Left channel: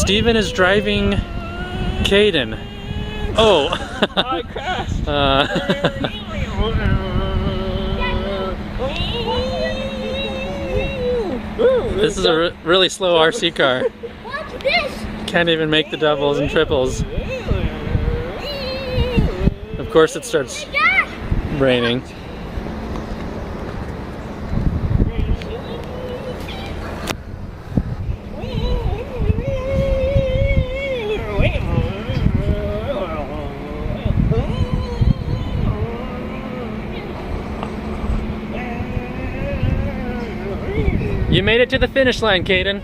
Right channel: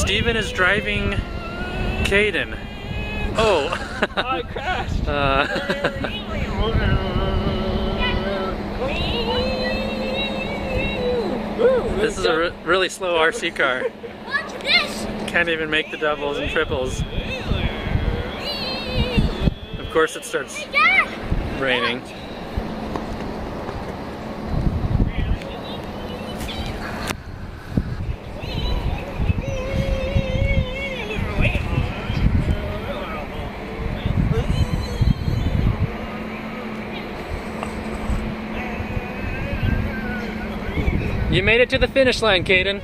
Steven is driving Cayden. Oh! I crashed! This is a really slow RC car. Watch this! Can't even make the doubles and triples. Of course it starts raining. You made it to the finish line, Cayden.